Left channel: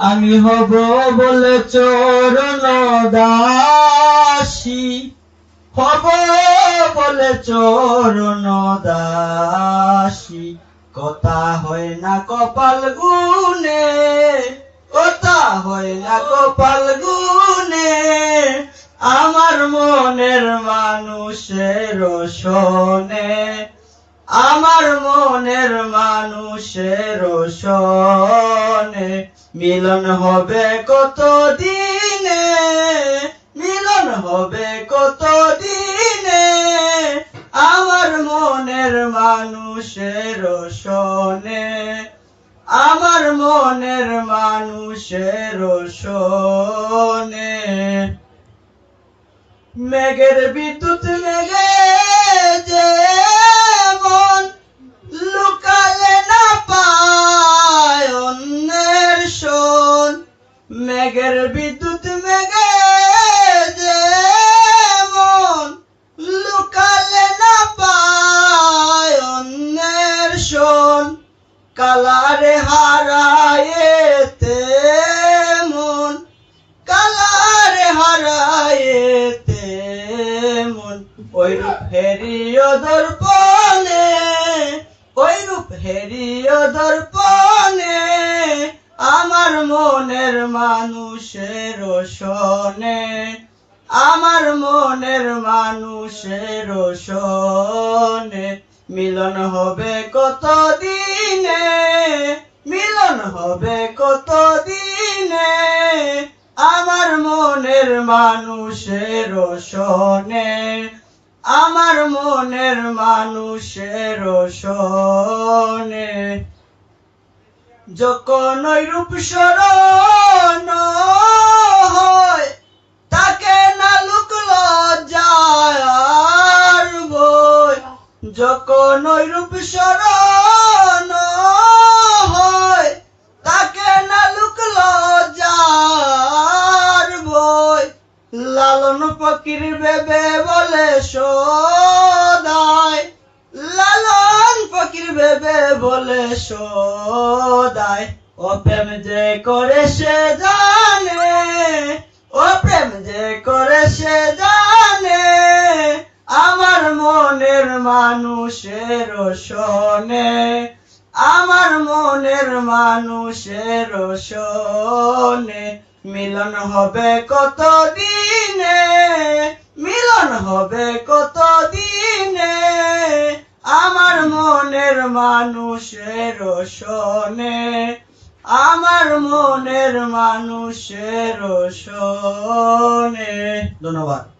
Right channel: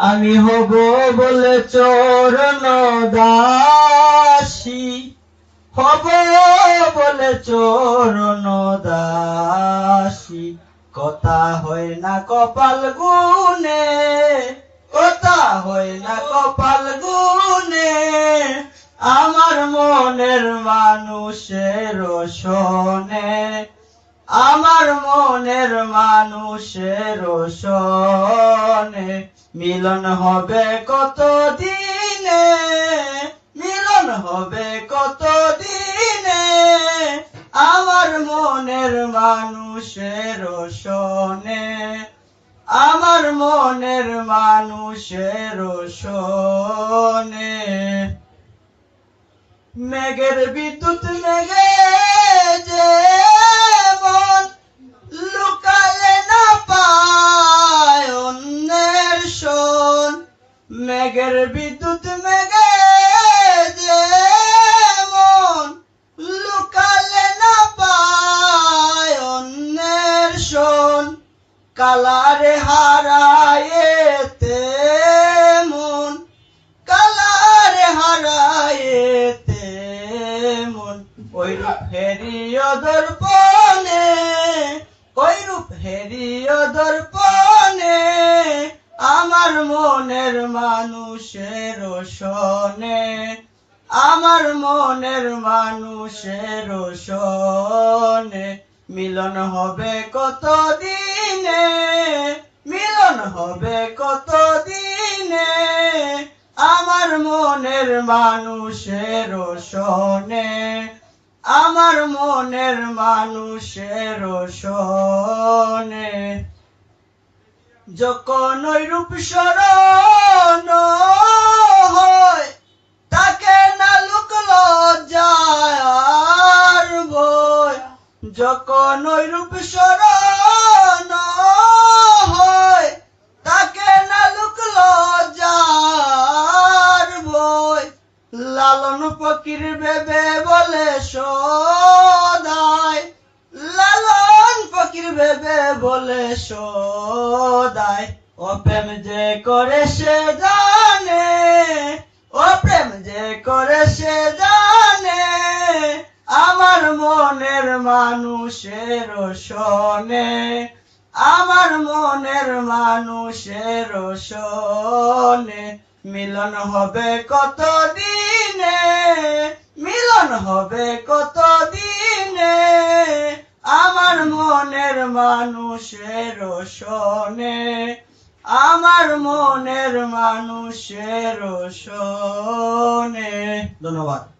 আমি হব বলে চরণ দাসী। হব বলে চরণ দাসী। কথা হয় না কপাল গুনে কথা হয় না কপাল গুনে আমার মনের মানুষের শোনে আমার মনের মানুষের শোনে, মিলন হবে কত দিনে মিলন হবে কত দিনে আমার মনের মানুষের শোনে, আমার মনের মানুষের শোনে। মেঘের বিদ্যুৎ কালারে হারায়েতে মন, কালারে হারায়েতে মন। ওই রূপ হেরিয় দর্পণে ওই রূপ হেরিয় দর্পণে আমার মনের মানুষের শোনে, আমার মনের মানুষের শোনে। মিলন হবে কত দিনে মিলন হবে কত দিনে আমার মনের মানুষের শোনে, আমার মনের মানুষের শোনে। যখন ওই রূপ স্মরণ যখন ওই রূপ স্মরণ হয়, তাকে না লুক লজ্জার বই। লালন ফকির বেবে বলে সদায় লালন ফকির বেবে বলে সদায় ও প্রেম যে করে সে জানে, ও প্রেম যে করে সে জানে আমার মনের মানুষের শোনে, আমার মনের মানুষের শোনে। মিলন হবে কত দিনে মিলন হবে কত দিনে আমার মনের মানুষের শোনে। আমার মনের মানুষের শোনে। ধন্যবাদ।